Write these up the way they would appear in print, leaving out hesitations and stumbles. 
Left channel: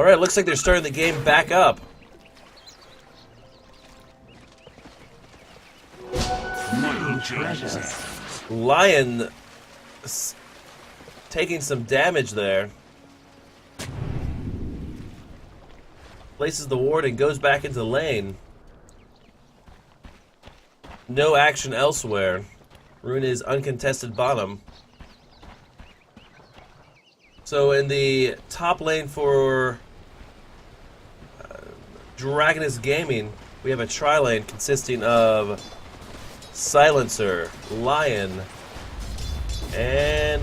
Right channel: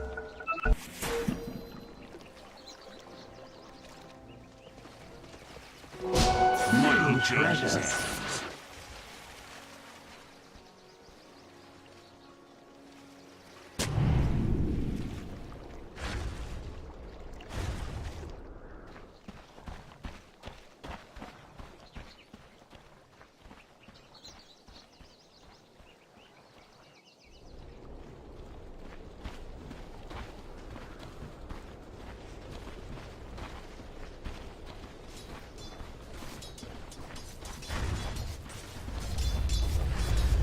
Alright, looks like they're starting the game back up. Lion taking some damage there. Places the ward and goes back into the lane. No action elsewhere. Rune is uncontested bottom. So in the top lane for Dragonus Gaming, we have a tri-lane consisting of Silencer, Lion, and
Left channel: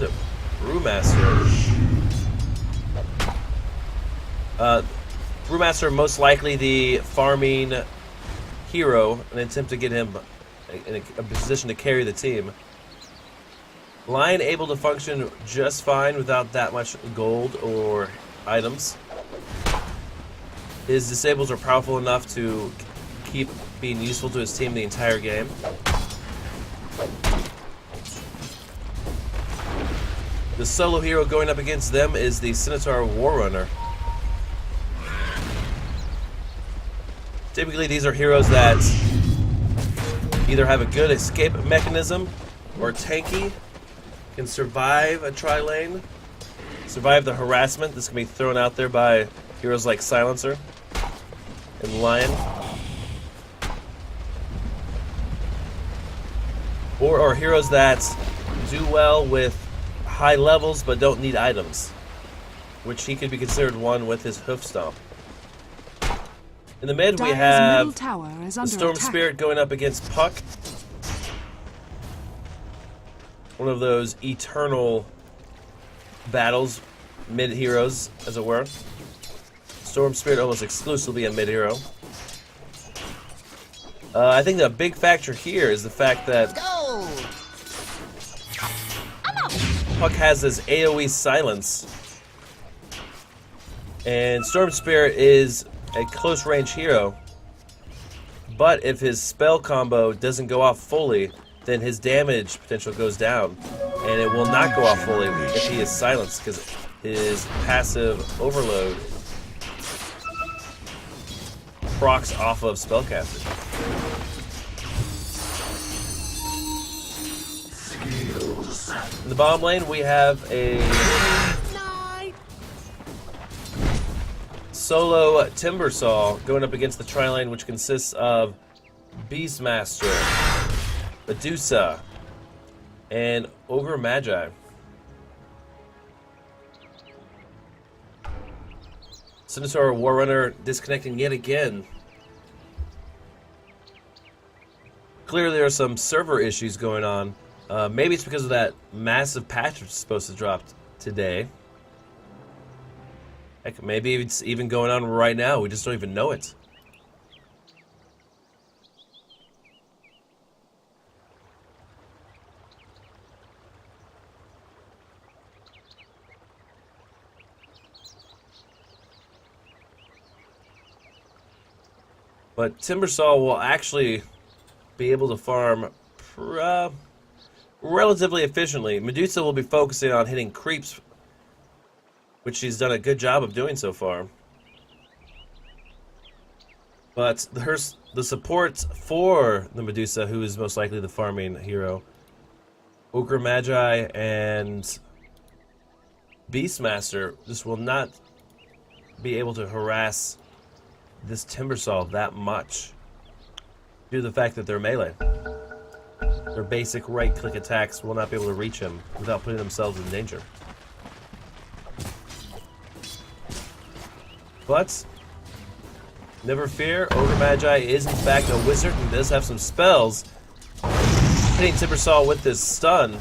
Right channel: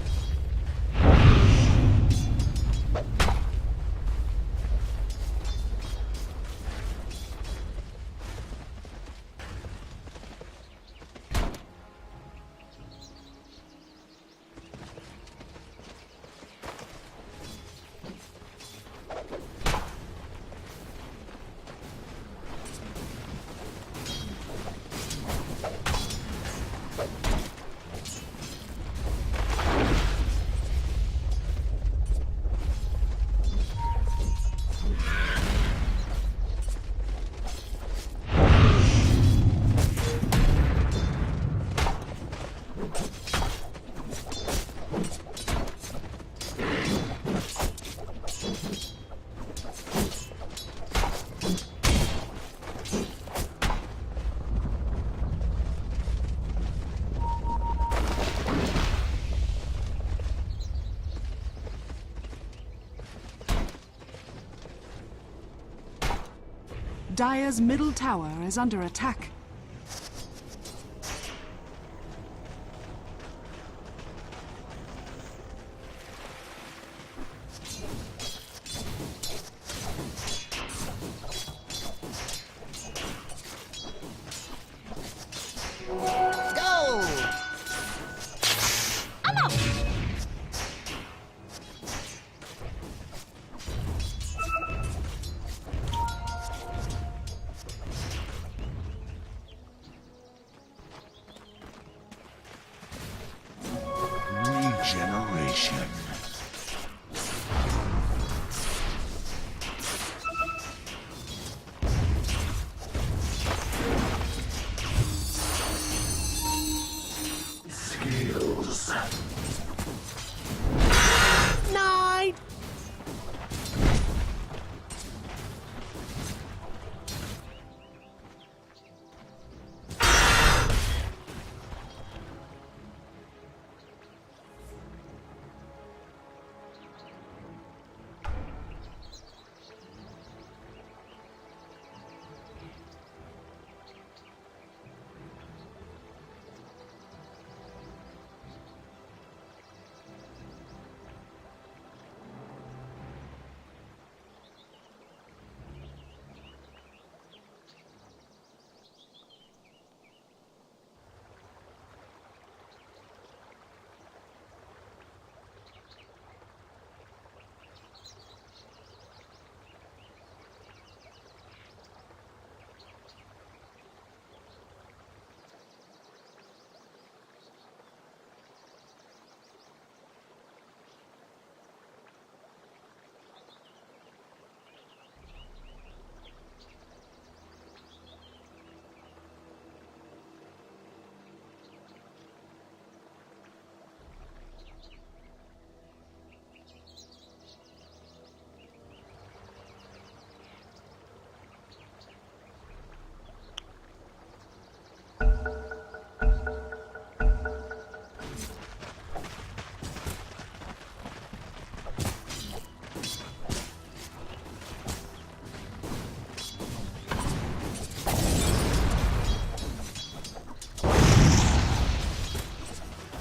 Brewmaster. Brewmaster most likely the farming hero, an attempt to get him in a position to carry the team. Lion able to function just fine without that much gold or items. His disables are powerful enough to keep being useful to his team the entire game. The solo hero going up against them is the Centaur Warrunner. Typically these are heroes that either have a good escape mechanism or tanky, can survive a tri-lane, survive the harassment that's going to be thrown out there by heroes like Silencer and Lion. Or heroes that do well with high levels but don't need items, which he could be considered one with his hoof stomp. In the mid, we have middle tower is under Storm attack. Spirit going up against Puck. One of those eternal battles, mid-heroes, as it were. Storm Spirit almost exclusively a mid-hero. I think the big factor here is the fact that Puck has this AoE silence. And Storm Spirit is a close-range hero. But if his spell combo doesn't go off fully, then his damage potential goes down. And it will not go off fully if he is silenced, because his passive overload procs off of spellcasting. Skills. In the bottom lane, we have a solo Timbersaw going up against the tri-lane, which consists of Beastmaster, Medusa, and Ogre Magi. Centaur Warrunner disconnecting yet again. Clearly there are some server issues going on. Maybe it's because of that massive patch that's supposed to drop today. Heck, maybe it's even going on right now. We just don't even know it. But Timbersaw will actually be able to farm relatively efficiently. Medusa will be focusing on hitting creeps, which she's done a good job of doing so far. But the support for the Medusa, who is most likely the farming hero, Ogre Magi and Beastmaster, just will not be able to harass this Timbersaw that much due to the fact that they're melee. Their basic right-click attacks will not be able to reach him without putting themselves in danger. But never fear, Ogre Magi is in fact a wizard and does have some spells. Hitting Timbersaw with this stun.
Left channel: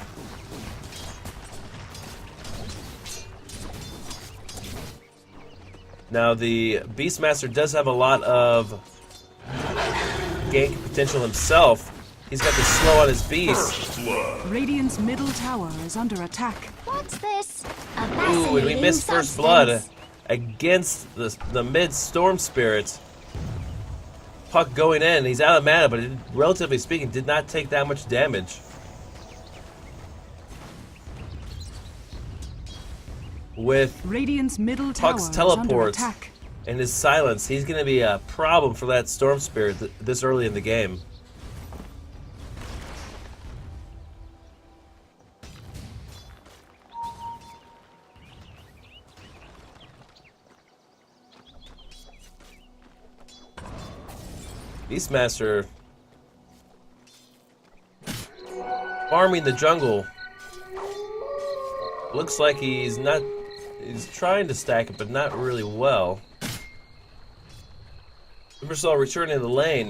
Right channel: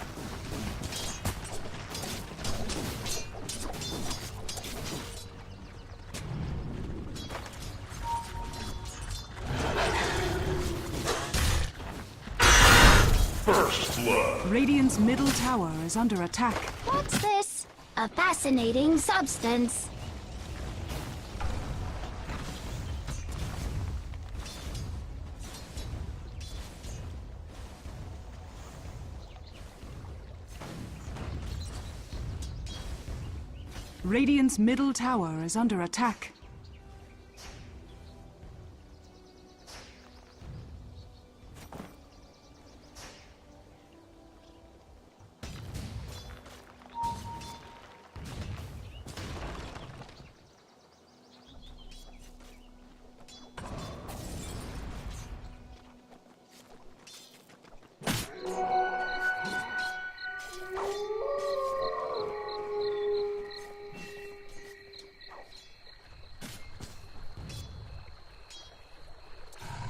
Now the Beastmaster does have a lot of gank potential himself. He's got the slow on his beast. Radiant's middle tower is under attack. What's this? A Ooh, fascinating we missed First Blood substance. against the mid Storm Spirit. Puck going in. He's out of mana, but it, relatively speaking, did not take that much damage. with Radiant's middle tower Puck's is under teleports attack. and his silence. He's going to be a problem for that Storm Spirit this early in the game. Beastmaster farming the jungle. Looks like he's trying to stack it, but not really well. Timbersaw returning to the lane,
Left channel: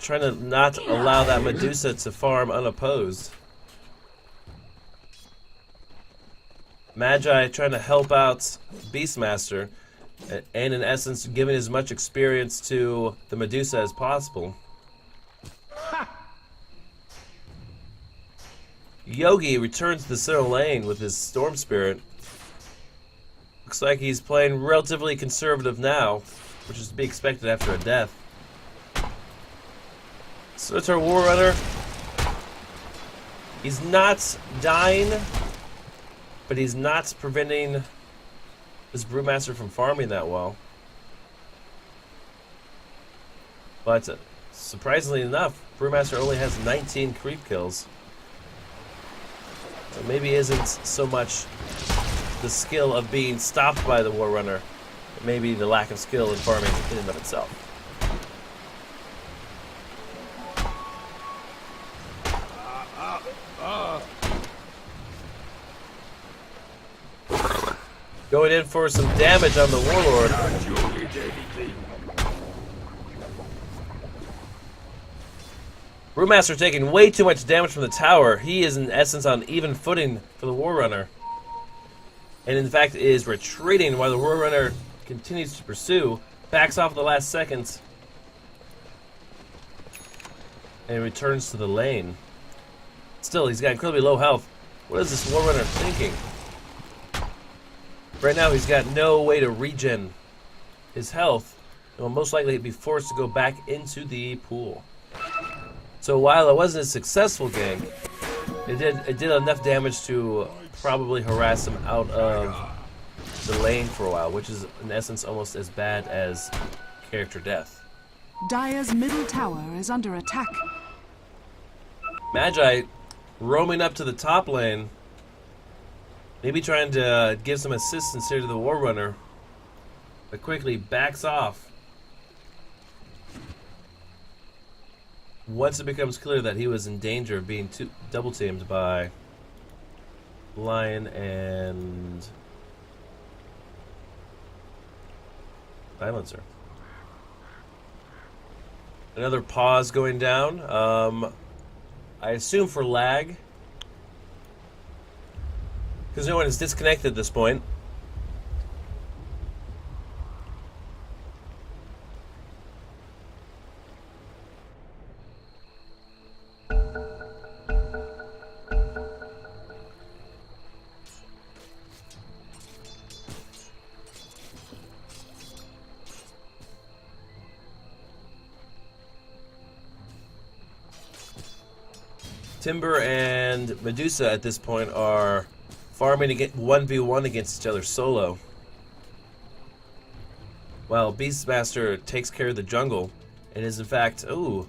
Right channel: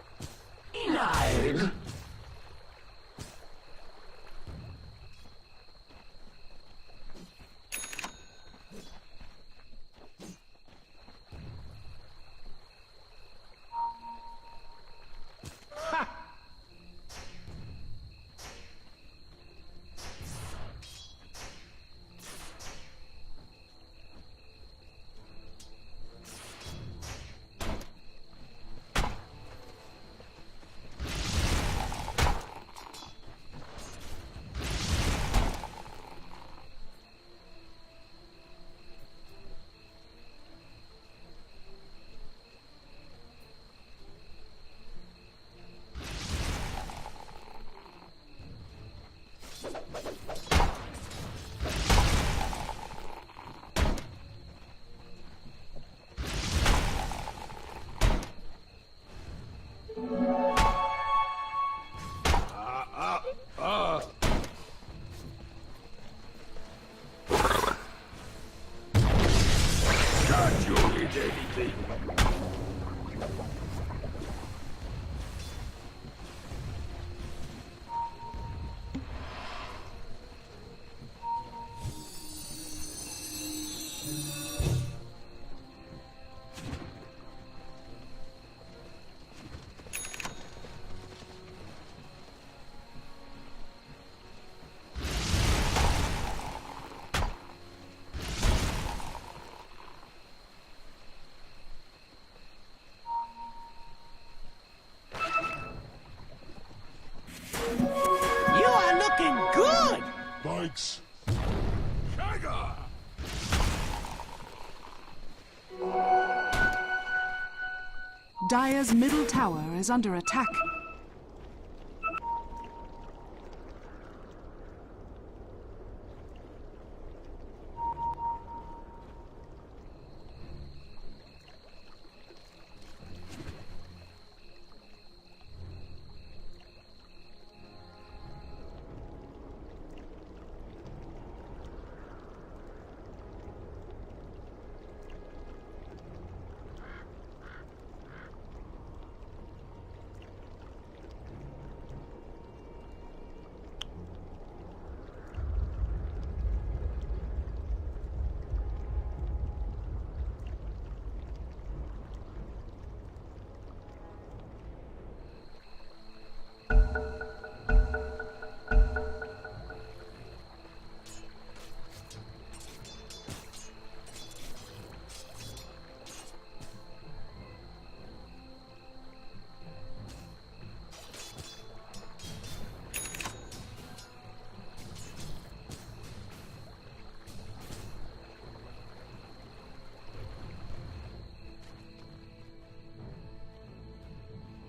trying to not allow that Medusa to farm unopposed. Magi trying to help out Beastmaster, and in essence giving as much experience to the Medusa as possible. Yogi returns to the center lane with his Storm Spirit. Looks like he's playing relatively conservative now, which is to be expected after a death. So it's our War Runner. He's not dying, but he's not preventing this Brewmaster from farming that well. But surprisingly enough, Brewmaster only has 19 creep kills. So maybe isn't so much the skill of being stopped by the War Runner, but maybe the lack of skill in farming in and of itself. Going in for some damage on the Warlord. Brewmaster taking way too much damage from the tower. He is in essence on even footing for the War Runner. And in fact is retreating while the War Runner continues to pursue. Backs off at the last seconds. And returns to the lane. Still, he's got incredibly low health. What is this War Runner thinking? Right now, he's got no way to regen his health, and will most likely be forced to go back into the pool. So while it wasn't a successful game, it did enough damage to probably harass him out of the lane for a while, which is in essence almost as bad as character death. Dire's middle tower is under attack. Magi roaming up to the top lane, maybe trying to give some assistance here to the War Runner, but quickly backs off once it becomes clear that he was in danger of being double teamed by Lion and Silencer. Another pause going down. I assume for lag, because no one is disconnected at this point. Timber and Medusa at this point are farming to get 1v1 against each other solo, while Beastmaster takes care of the jungle and is in fact, ooh,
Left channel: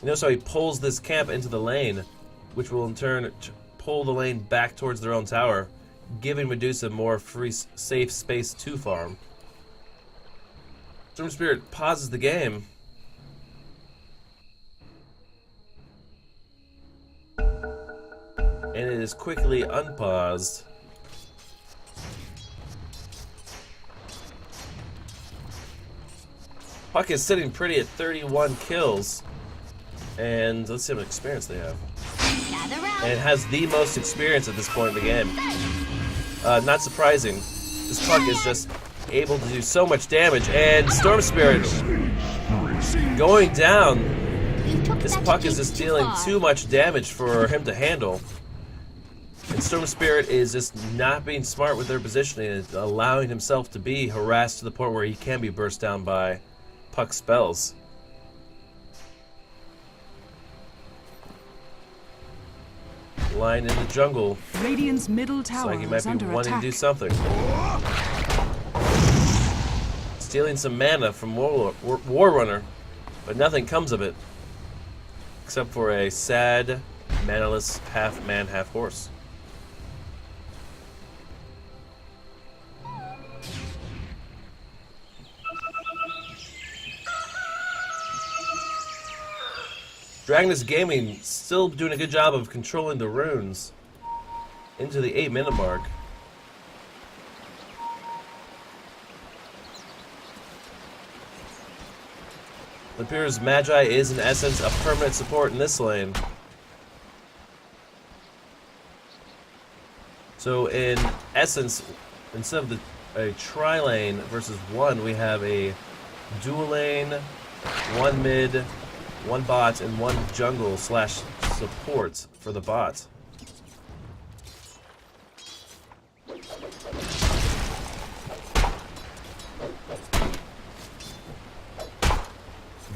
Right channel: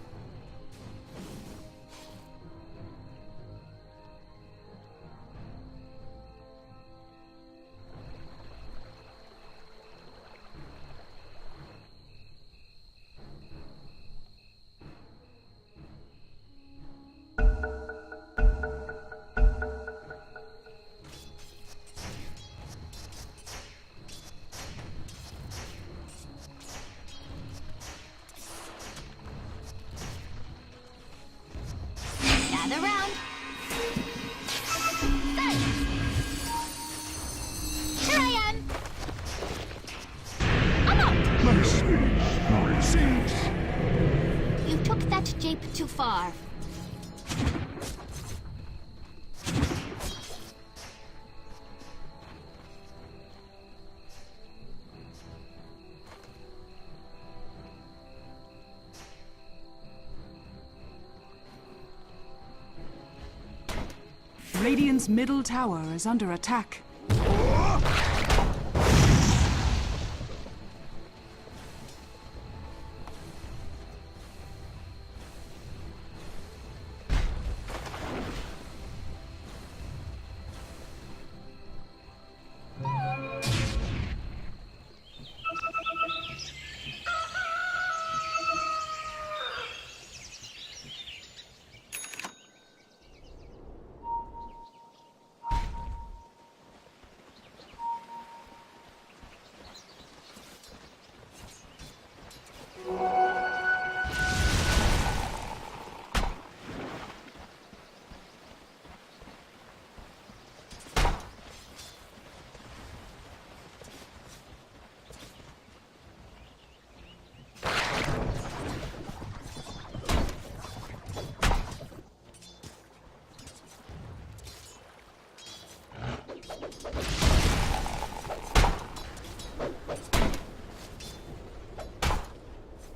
you notice how he pulls this camp into the lane, which will in turn pull the lane back towards their own tower, giving Medusa more free, safe space to farm. Storm Spirit pauses the game. And it is quickly unpaused. Puck is sitting pretty at 31 kills. And let's see how much experience they have. And it has the most experience at this point in the game. Not surprising. This Puck is just able to do so much damage. And Storm Spirit going down. This Puck is just dealing too much damage for him to handle. And Storm Spirit is just not being smart with their positioning and allowing himself to be harassed to the point where he can be burst down by Puck spells. Lying in the jungle. Radiant's middle Looks tower like he might is be under wanting attack. to do something. Stealing some mana from War Runner, but nothing comes of it. Except for a sad, manaless half-man, half-horse. Dragonus Gaming still doing a good job of controlling the runes into the 8-minute mark. It appears Magi is in essence a permanent support in this lane. So in essence, instead of a tri-lane versus one, we have a dual lane, one mid, one bot, and one jungle / support for the bot.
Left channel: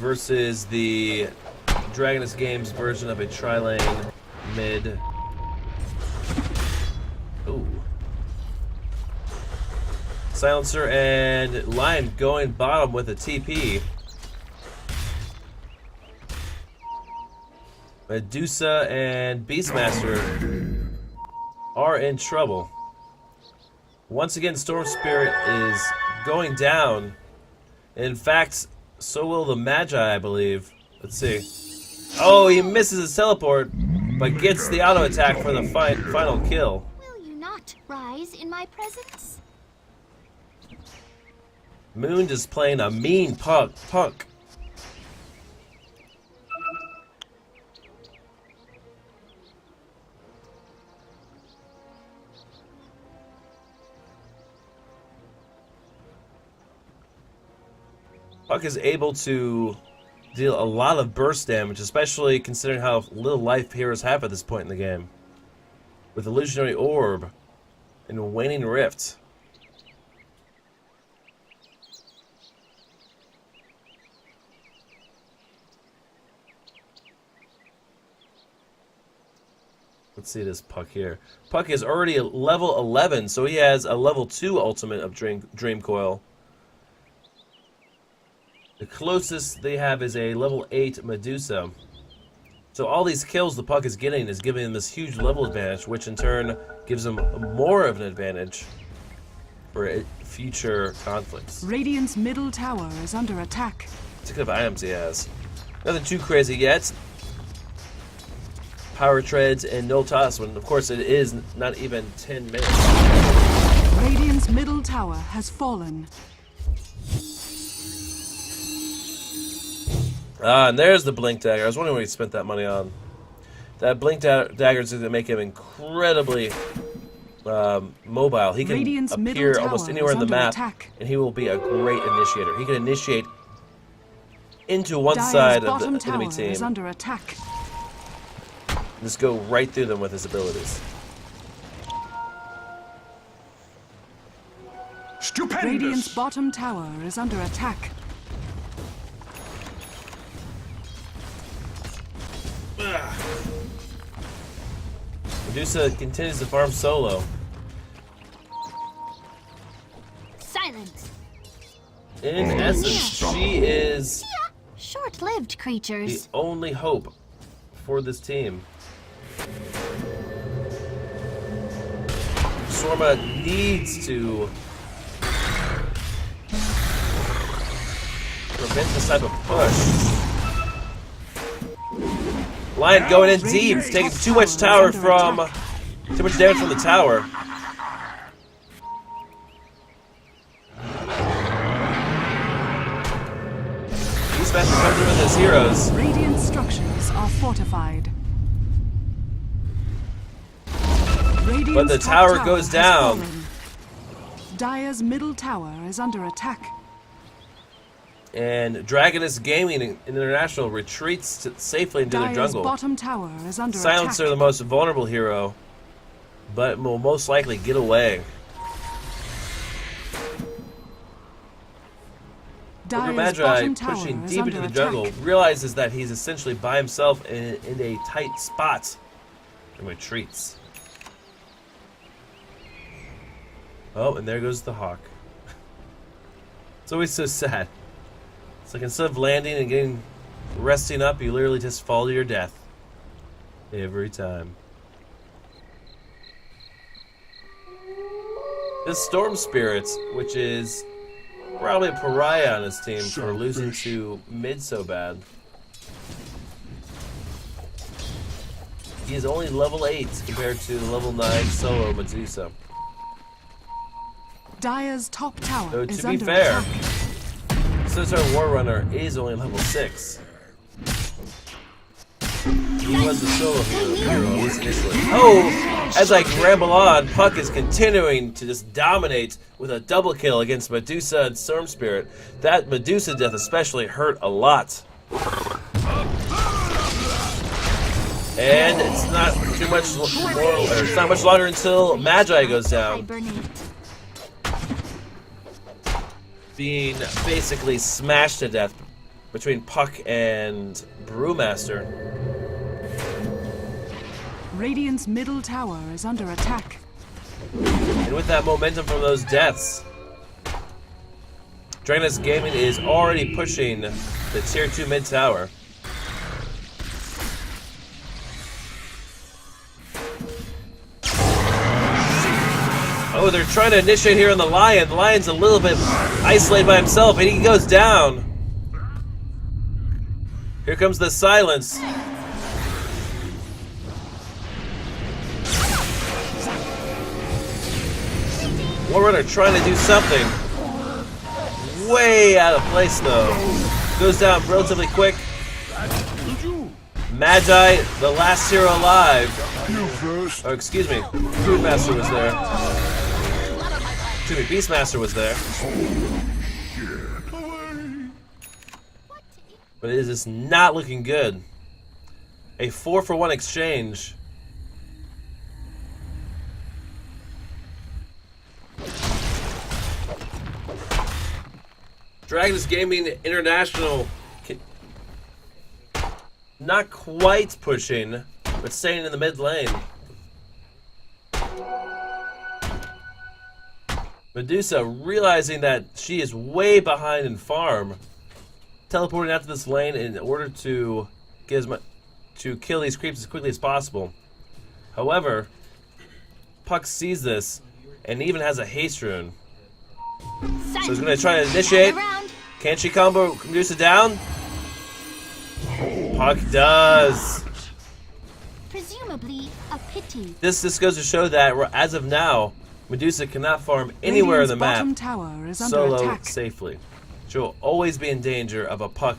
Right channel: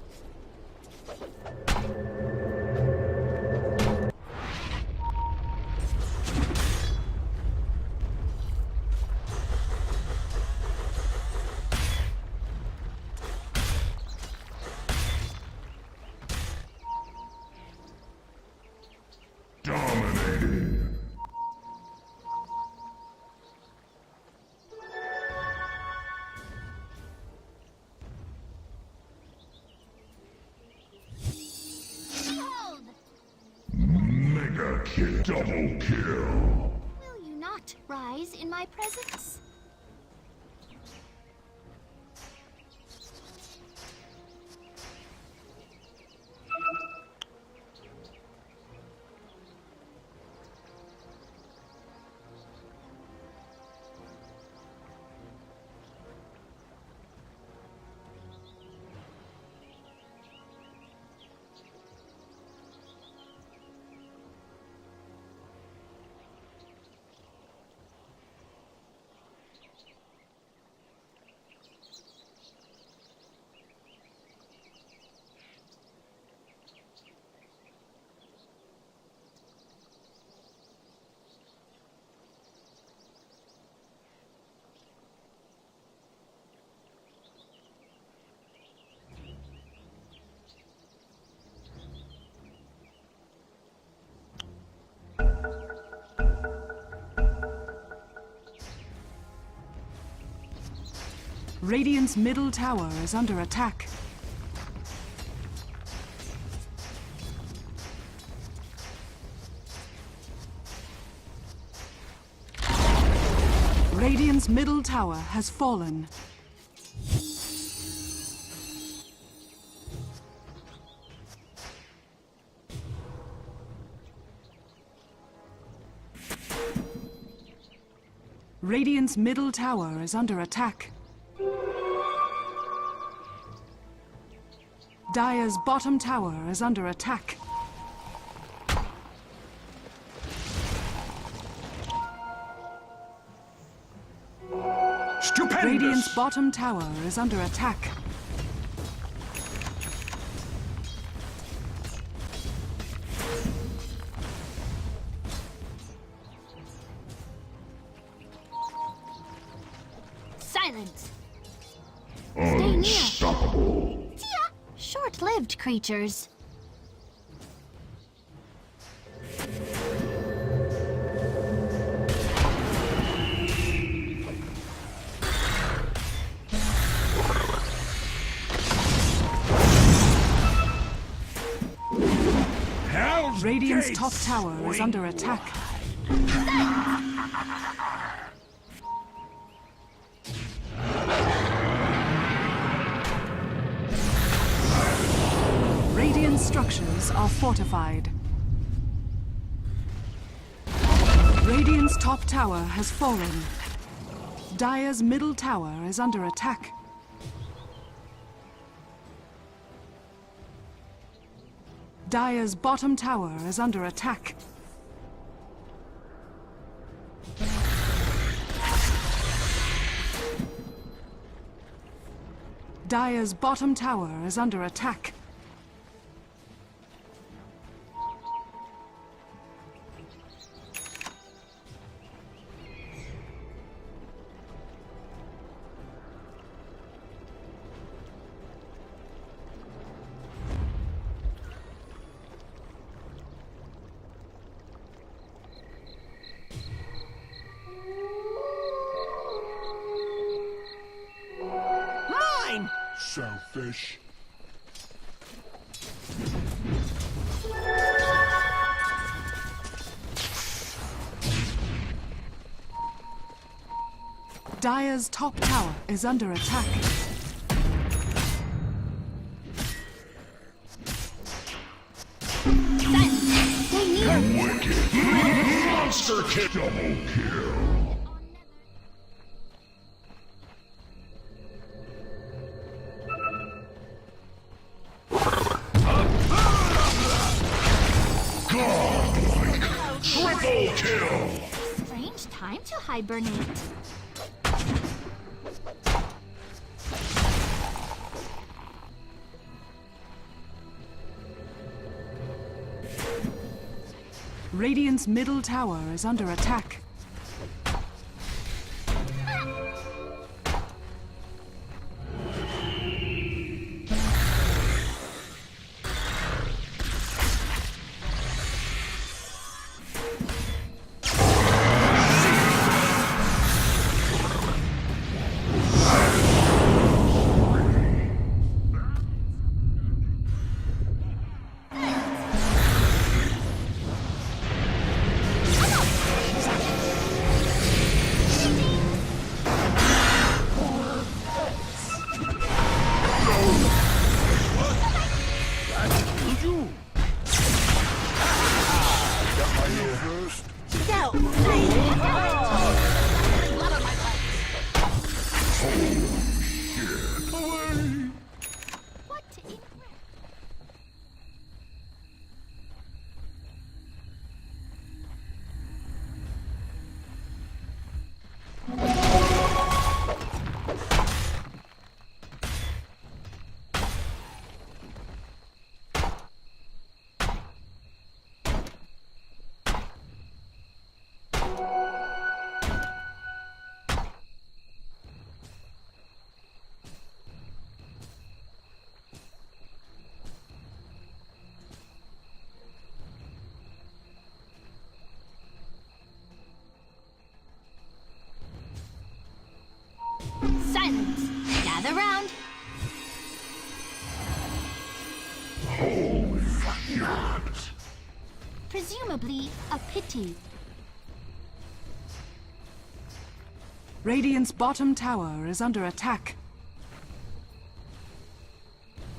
Versus the Dragonus Games version of a tri-lane mid. Ooh. Silencer and Lion going bottom with a TP. Medusa and Beastmaster are in trouble. Once again, Storm Spirit is going down. In fact, so will the Magi, I believe. Let's see. Oh, he misses his teleport, but gets the auto attack for the final kill. Will you not rise in my presence? Moon just playing a mean punk. Puck is able to deal a lot of burst damage, especially considering how little life heroes have at this point in the game. With Illusionary Orb and Waning Rift. Let's see this Puck here. Puck is already at level 11, so he has a level 2 ultimate of Dream Coil. The closest they have is a level 8 Medusa. So all these kills the Puck is getting is giving him this huge level advantage, which in turn gives him more of an advantage for future conflicts. Radiant's middle tower is under attack. Look at the items he has. Nothing too crazy yet. Power Treads and no toss when of course it is not even 10 minutes. Radiant's middle tower has fallen. Ah, and there's the Blink Dagger. I was wondering what he spent that money on. That Blink Dagger is going to make him incredibly mobile. He can Radiant's middle appear almost tower anywhere is in the under map, attack. and he will be a great initiator. He can initiate into one Dire's side of bottom the enemy tower team. is under attack. Just go right through them with his abilities. Stupendous! Radiant's bottom tower is under attack. Medusa continues to farm solo. Silence! In essence, she is Yeah, short-lived the creatures. only hope for this team. Shawarma needs to make this type of push. Lion going in deep, Radiant's taking top too much tower tower is under from attack. too much damage from the tower. This match comes in with his heroes. Radiant structures are fortified. Radiant's the top tower goes has down. fallen. Dire's middle tower is under attack. And Dragonus Gaming International retreats safely into the Dire's jungle. bottom tower is under Silencer, the attack. most vulnerable hero, but will most likely get away. Dire's Magi, bottom tower pushing is deep under into the attack. jungle, realizes that he's essentially by himself in a tight spot. and retreats. Oh, and there goes the hawk. It's always so sad. It's like instead of landing and resting up, you literally just fall to your death. Every time. This Storm Spirit, which is probably a pariah on his team for losing to mid so bad. He's only level 8 compared to the level 9 solo Medusa. Dire's top tower So is to be under fair, attack. since our War Runner is only level 6. Oh, as I ramble on, Puck is continuing to just dominate with a double kill against Medusa and Storm Spirit. That Medusa death especially hurt a lot. And it's not too much it's not much longer until Magi goes down, Hibernate. being basically smashed to death between Puck and Brewmaster. Radiant's middle tower is under attack. And with that momentum from those deaths, Dragonus Gaming is already pushing the tier 2 mid tower. Oh, they're trying to initiate here on the Lion. The Lion's a little bit isolated by himself, and he goes down. Here comes the silence. Warrunner trying to do something. Way out of place though. Goes down relatively quick. Magi, the last hero alive. Oh, excuse me. Beastmaster was there. Excuse me, Beastmaster was there. But it is just not looking good. A 4-for-1 exchange. Dragonus Gaming International, not quite pushing, but staying in the mid lane. Medusa, realizing that she is way behind in farm, teleporting out to this lane in order to get to kill these creeps as quickly as possible. However, Puck sees this and even has a haste rune. So he's gonna try to initiate. Can she combo Medusa down? Puck does. Presumably a pity. This goes to show that as of now, Medusa cannot farm anywhere Radiant's in the map bottom tower is under solo attack. safely. She will always be in danger of a Puck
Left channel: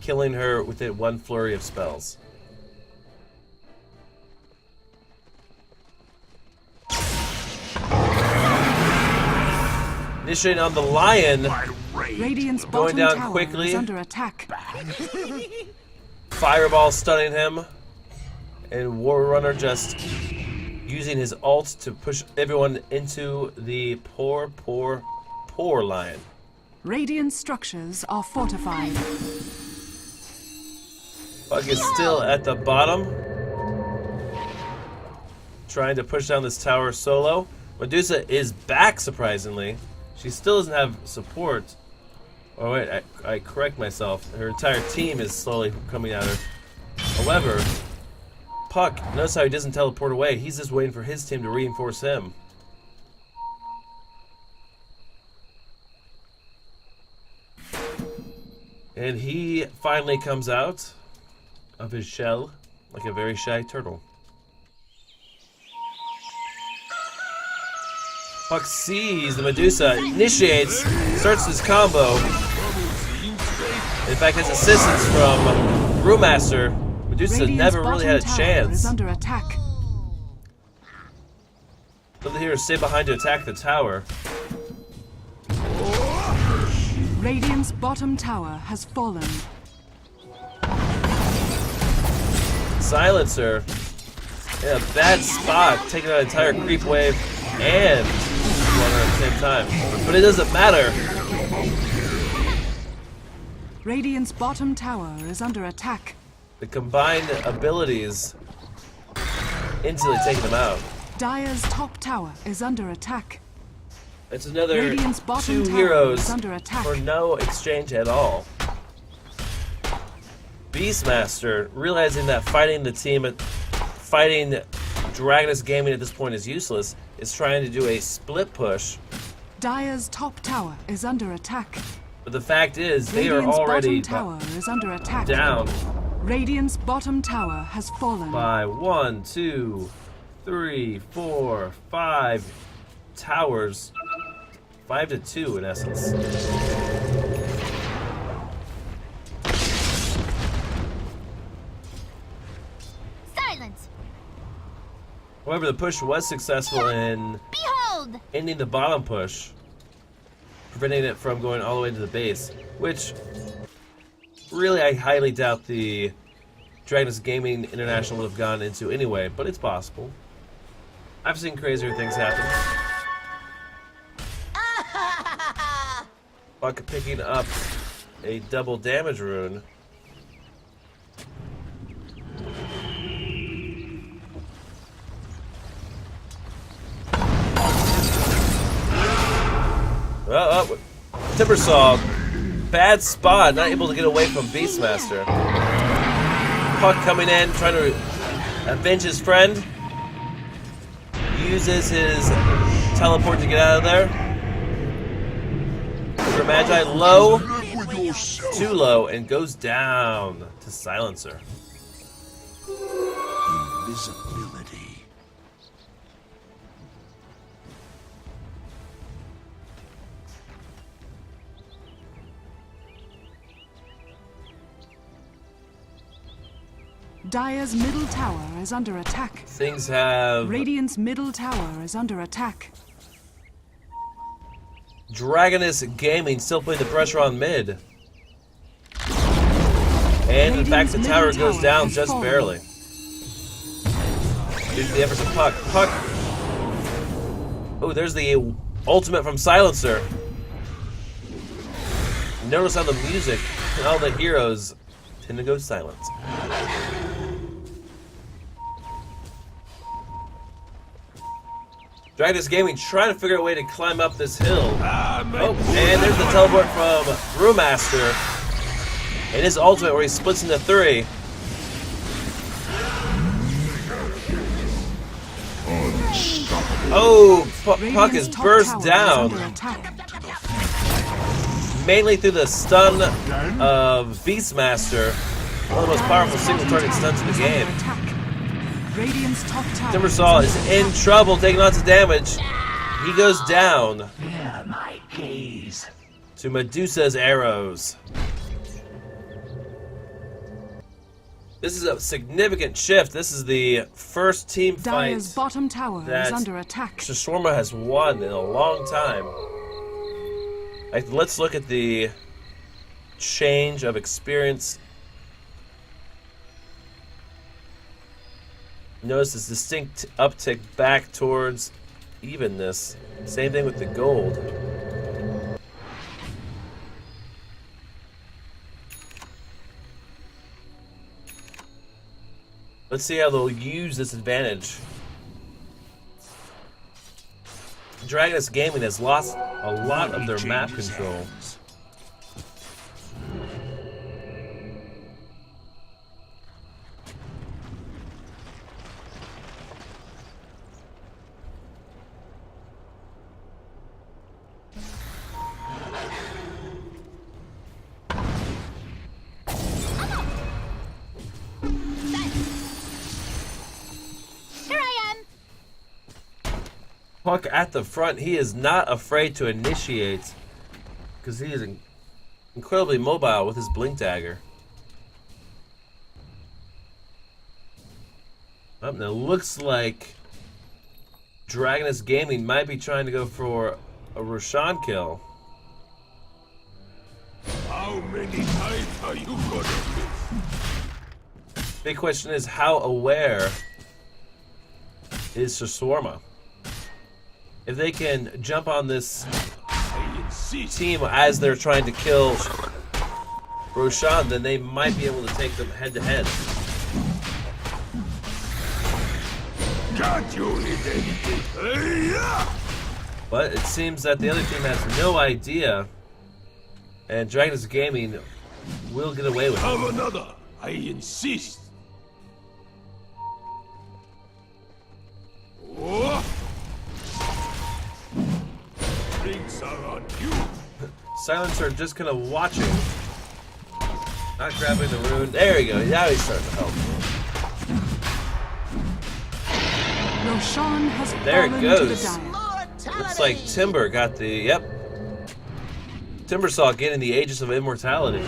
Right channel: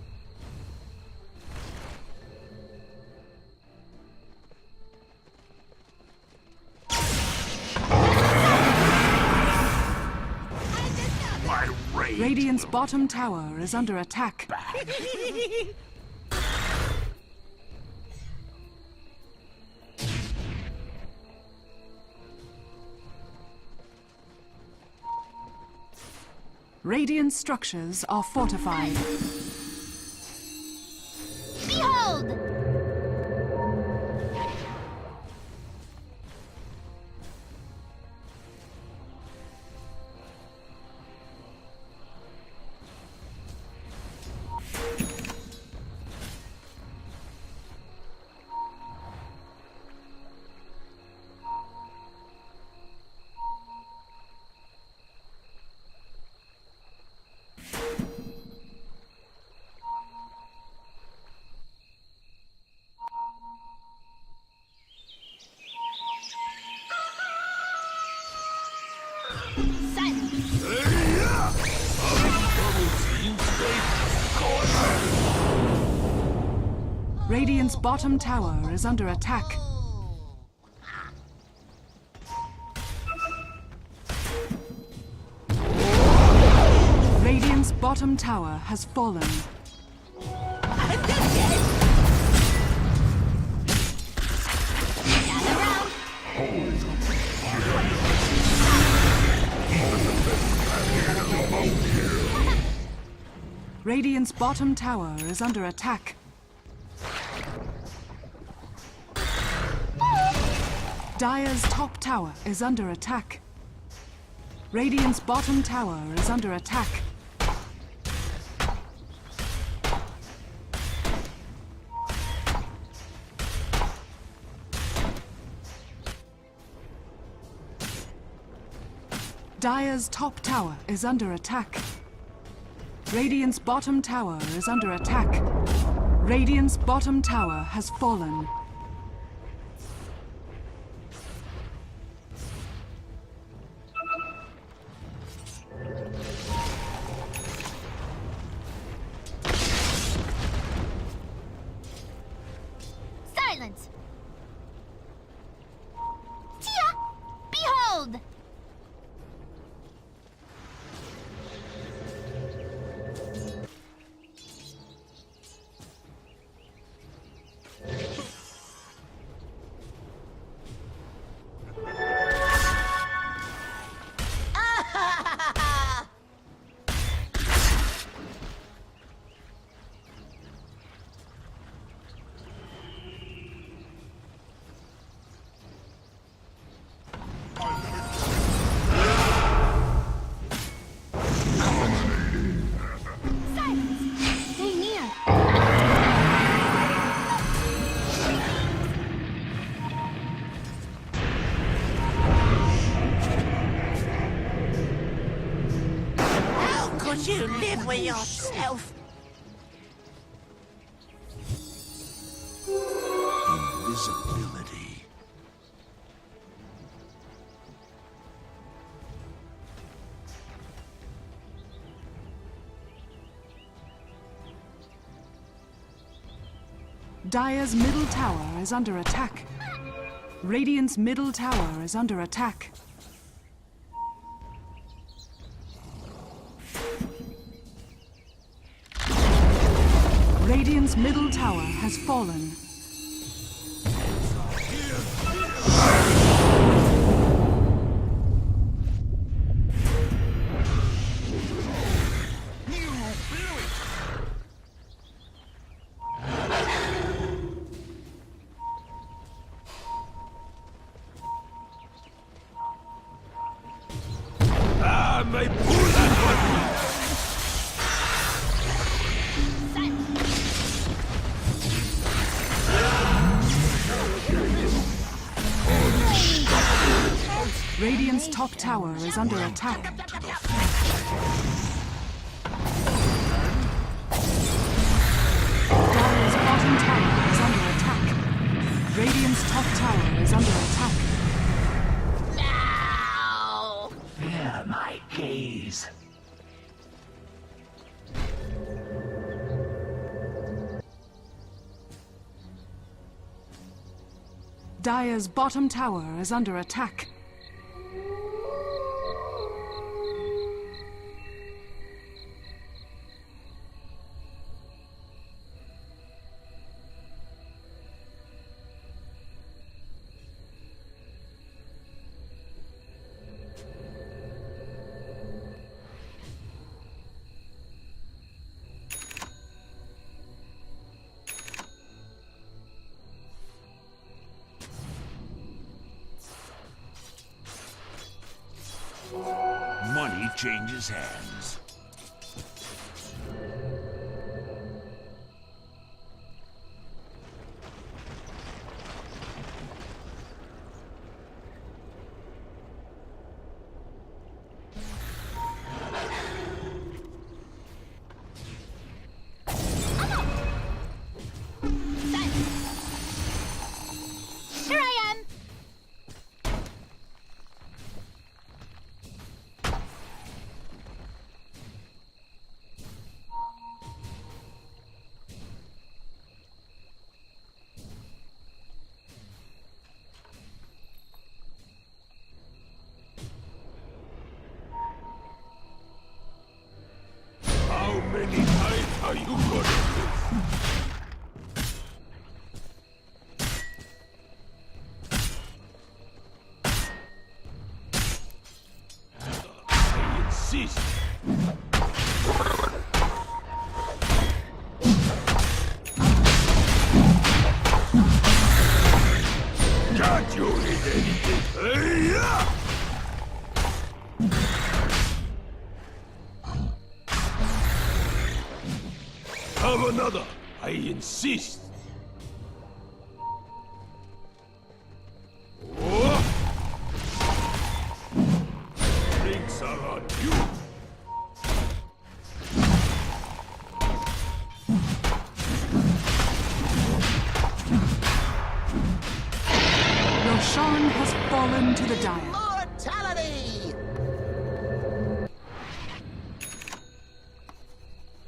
killing her within one flurry of spells. Initiating on the Lion. Radiant's bottom down tower quickly. is under attack. Fireball stunning him. And War Runner just using his ult to push everyone into the poor Lion. Radiant structures are fortified. Bug is still at the bottom. Trying to push down this tower solo. Medusa is back, surprisingly. She still doesn't have support. Oh wait, I correct myself. Her entire team is slowly coming at her. However, Puck, notice how he doesn't teleport away. He's just waiting for his team to reinforce him. And he finally comes out of his shell like a very shy turtle. Puck sees the Medusa, initiates, starts his combo. In fact, gets assistance from Brewmaster. Medusa Radiant's never really bottom had a tower chance. is under attack. Something here to stay behind to attack the tower. Radiant's bottom tower has fallen. Silencer. Yeah, bad spot, taking an entire creep wave and at the same time. But it doesn't matter. Radiant's bottom tower is under attack. The combined abilities instantly taking them out. Dire's top tower is under attack. It's another Radiant's bottom 2 tower heroes is under attack. for no exchange at all. Beastmaster, realizing that fighting Dragonus Gaming at this point is useless, is trying to do a split push. Dire's top tower is under attack. But the fact is, they are Radiant's already bottom tower is under attack. down Radiant's bottom tower has fallen. by 1, 2, 3, 4, 5 towers. 5 to 2 in essence. Silence! However, the push was successful in Behold! ending the bottom push, preventing it from going all the way to the base, which really I highly doubt the Dragonus Gaming International would have gone into anyway, but it's possible. I've seen crazier things happen. Buck picking up a double damage rune. Timbersaw, bad spot, not able to get away from Beastmaster. Puck coming in, trying to avenge his friend. Uses his teleport to get out of there. Magi low, too low, and goes down to Silencer. Invisibility. Dire's middle tower is under attack. Things have Radiant's middle tower is under attack. Dragonus Gaming still putting the pressure on mid. And in fact, the Radiant's tower middle goes tower down has just fallen. barely. Here's the effort from Puck. Puck. Oh, there's the ultimate from Silencer. Notice on the music, all the heroes tend to go silent. Dragonus Gaming trying to figure out a way to climb up this hill. And there's the teleport from Brewmaster. And his ultimate where he splits into 3. Oh, Puck Radiant's is top burst tower is down. under attack. Mainly through the stun of Beastmaster. One of the most powerful single-target stuns in the game. Attack. Radiant's top tower Timbersaw is under in attack. trouble, taking lots of damage. He goes down Fear my gaze. to Medusa's arrows. This is a significant shift. This is the first team Dire's fight bottom tower that is under attack. Shawarma has won in a long time. Let's look at the change of experience. Notice this distinct uptick back towards evenness. Same thing with the gold. Let's see how they'll use this advantage. Dragonus Gaming has lost a lot of their map control. Hands. Here I am! Puck at the front, he is not afraid to initiate because he is incredibly mobile with his blink dagger. Now it looks like Dragonus Gaming might be trying to go for a Roshan kill. How many times are you good at this? Big question is, how aware is Shawarma? If they can jump on this I insist. team as they're trying to kill Roshan, then they might be able to take them head to head. Can't you hit anything? Yeah. But it seems that the other team has no idea, and Dragonus Gaming will get away with it. Have another. I insist. Oh. Drinks are on you. Silencer just gonna watch it. Not grabbing the rune. There you go. Now he starts. Roshan has There it fallen to the goes. dais. Looks like Timber got the, yep. Timber saw getting the Aegis of Immortality.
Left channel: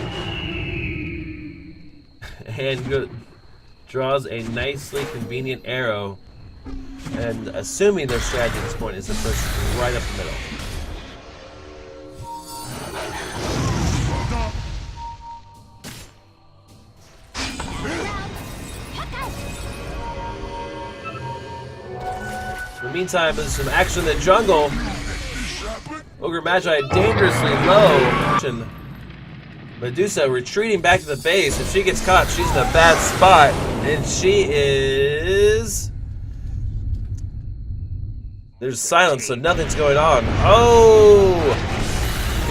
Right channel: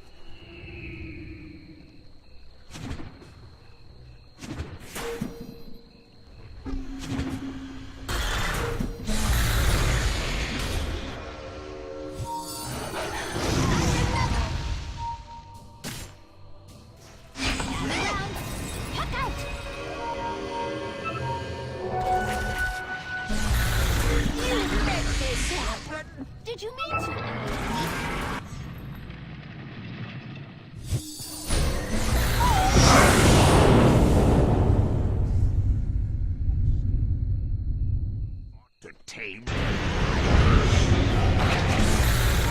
And draws a nicely convenient arrow. And assuming their strategy at this point is to push right up the middle. In the meantime, there's some action in the jungle. Ogre Magi dangerously low. Medusa retreating back to the base. If she gets caught, she's in a bad spot. And she is... There's silence, so nothing's going on. Oh!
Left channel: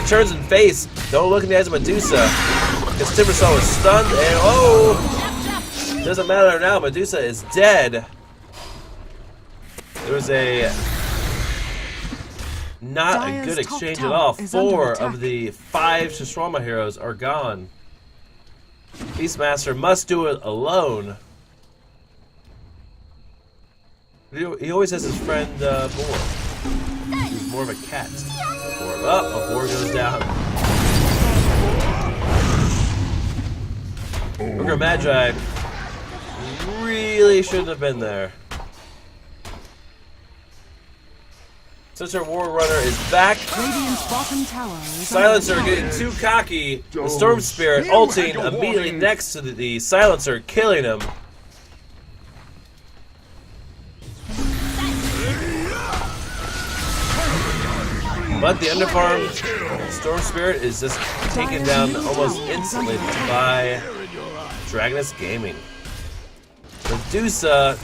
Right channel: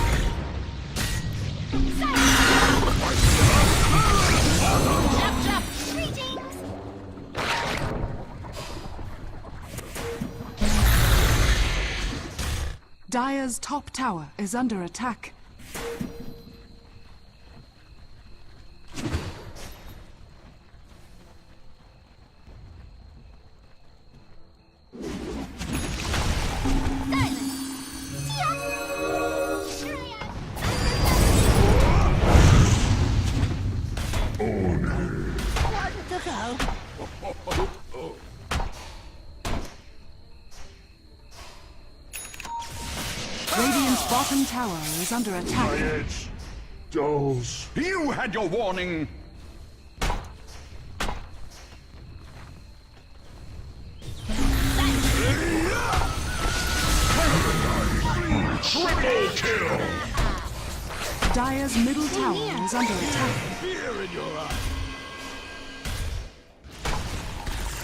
He turns and face. Don't look in the eyes of Medusa. Because Timbersaw is stunned, and oh! Doesn't matter now, Medusa is dead. There was a not Dire's a good top exchange at tower all. is under 4 attack. of the 5 Shawarma heroes are gone. Beastmaster must do it alone. He always has his friend Boar. More of a cat. Oh, a boar goes down. Ogre Magi really shouldn't have been there. Since our War Runner is back, Radiant's bottom tower is Silencer under getting attack. too cocky. The Storm Spirit You had ulting your immediately warning. next to the Silencer, killing him. But the underfarm Storm Spirit is just taken Dire's down middle almost tower is under instantly attack. by Dragonus Gaming. Medusa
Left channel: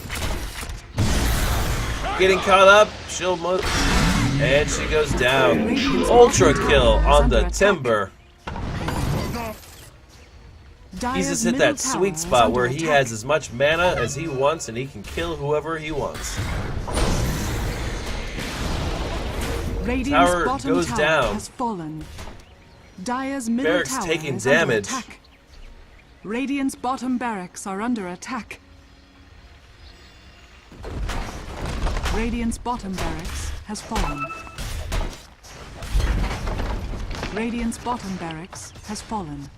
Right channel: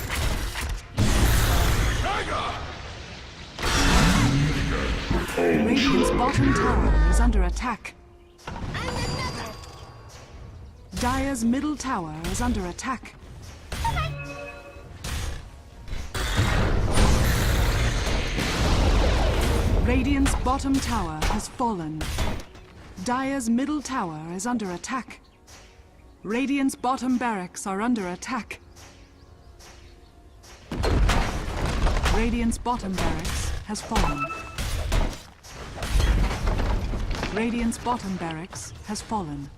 getting caught up, she'll move, and she goes down. Radiant's Ultra bottom kill tower is on under the attack. Timber. He's Dire's just hit middle that tower sweet is spot under where he attack. has as much mana as he wants and he can kill whoever he wants. Radiant's Tower bottom goes tower down. has fallen. Dire's middle Barracks tower taking is under damage. attack. Radiant's bottom barracks are under attack. Radiant's bottom barracks has fallen. Radiant's bottom barracks has fallen.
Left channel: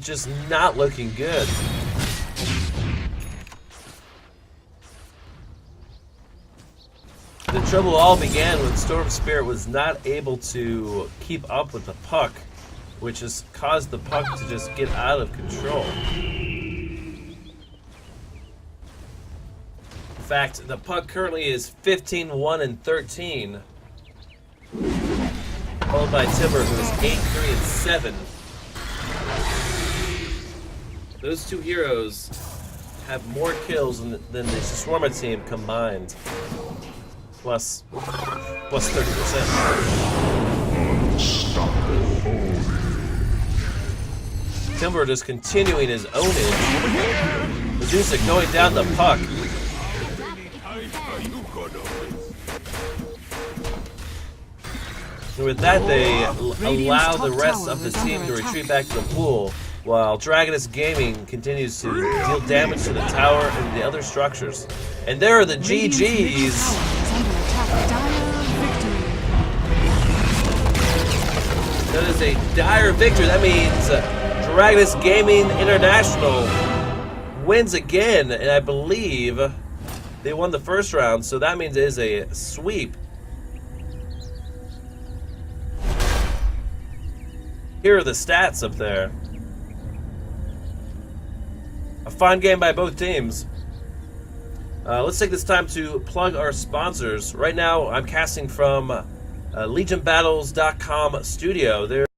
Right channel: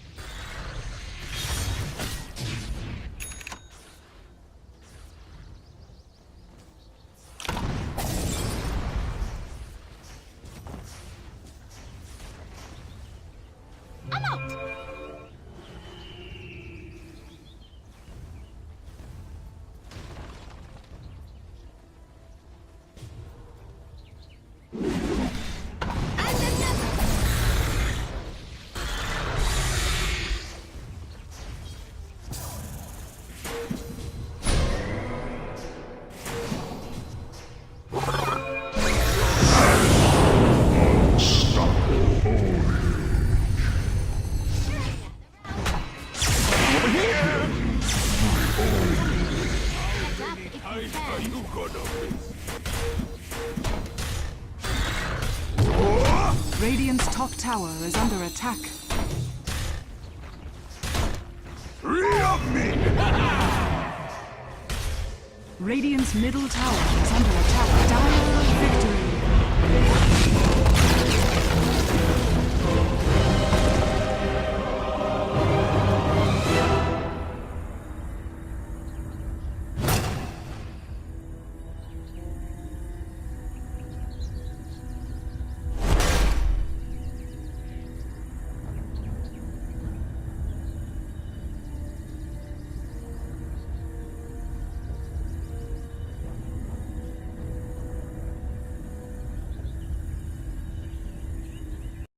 Just not looking good. The trouble all began when Storm Spirit was not able to keep up with the puck, which has caused the puck to just get out of control. In fact, the puck currently is 15, 1, and 13. Followed by Timber, who is 8, 3, and 7. Those two heroes have more kills than the Shawarma team combined. Plus 30%. Timber just continuing his owning. Medusa going down the puck. Are you gonna miss? So with that, they Radiant's allow top the rest tower of the is team under to attack. retreat back to the pool, while Dragonus Gaming continues to deal damage to the tower and the other structures. And there are the Radiant's middle GGs. tower is under attack. Dire victory. That is a dire victory. That means Dragonus Gaming International wins again, and I believe they won the first round, so that means it is a sweep. Here are the stats up there. A fine game by both teams. Let's take this time to plug our sponsors. Right now, I'm casting from LegionBattles.com studio. There